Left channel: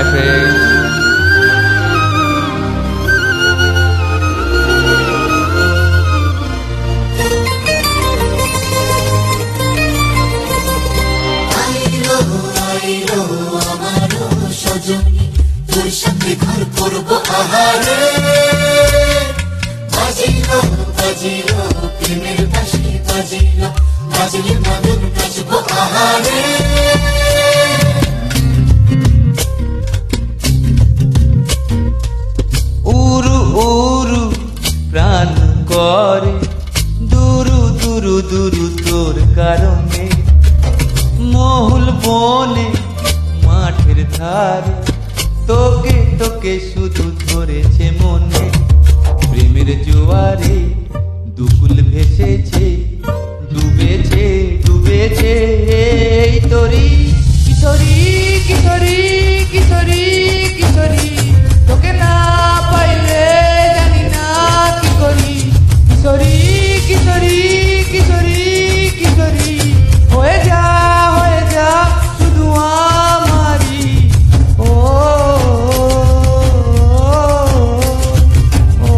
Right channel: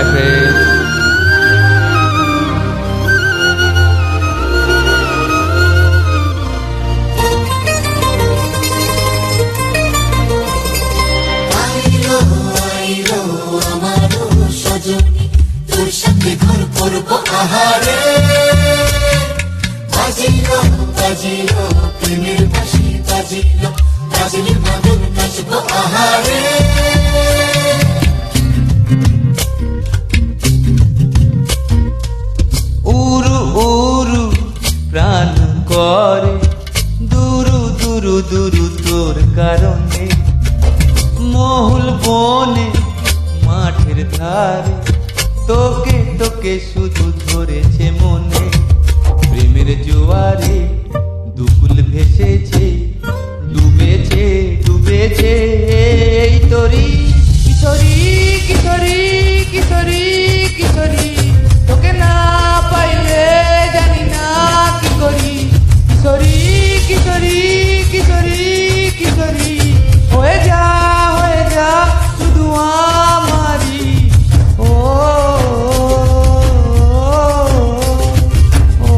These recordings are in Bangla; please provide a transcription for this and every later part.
Hi friend. তোর সাথে ঘর করবো আহারে, বাজিল বাজিল প্রেমের বাঁশি, বাজিল বাজিল মদন নাচবো আহারে। উরু উরু প্রাণ করে দুরু দুরু দুরু তোর কারণে, মহুল বনে মাঠের ধারে তোকে তোকে শুধু ধরেছে মনে। প্রেমের জোয়ারে দুকুল ভেসেছে, ডুবেছে ডুবেছে এই তোরি কিশোরী কিশোরী কিশোরী কিশোরী। তোকে না পাইলে জানি না কি করি, কিশোরী কিশোরী কিশোরী কিশোরী। হয়ে যা শুধু আমারি, ও ও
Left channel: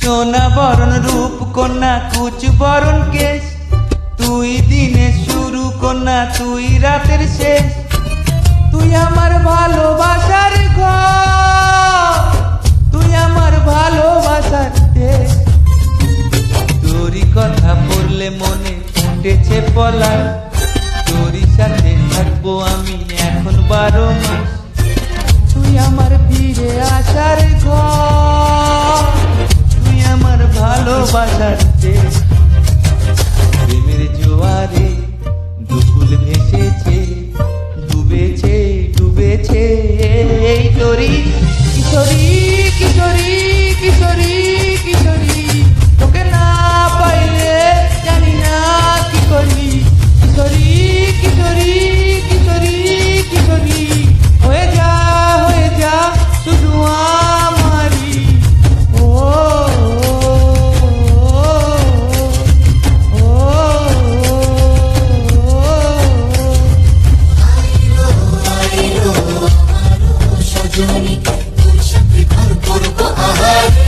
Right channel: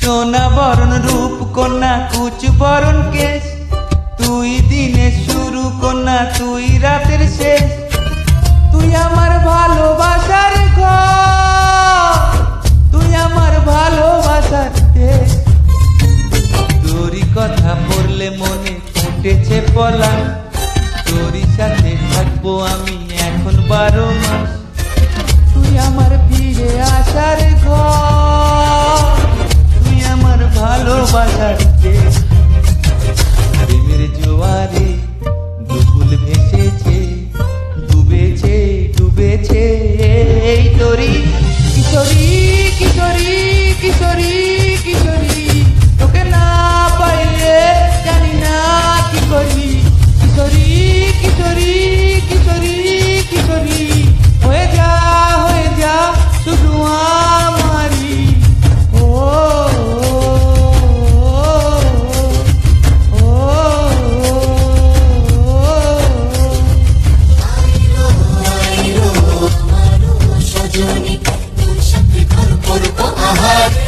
সোনা বরণ রূপ কন্যা কুচ বরণ কেশ, তুই দিনে শুরু কন্যা তুই রাতের শেষ। তুই আমার ভালোবাসার ঘর, তুই আমার ভালোবাসার দেশ। তোরই কথা পড়লে মনে ফুটেছে পলাশ, তোরই সাথে থাকবো আমি এখন 12 মাস। তুই আমার ফিরে আসার ঘর, তুই আমার ভালোবাসার দেশ। প্রেমের জোয়ারে দুকুল ভেসেছে, ডুবেছে ডুবেছে এই তোরি কিশোরী কিশোরী কিশোরী কিশোরী। তোকে না পাইলে জানি না কি করি, কিশোরী কিশোরী কিশোরী কিশোরী। হয়ে যা শুধু আমারি, ও সজনী তোর সাথে ঘর করবো আহারে।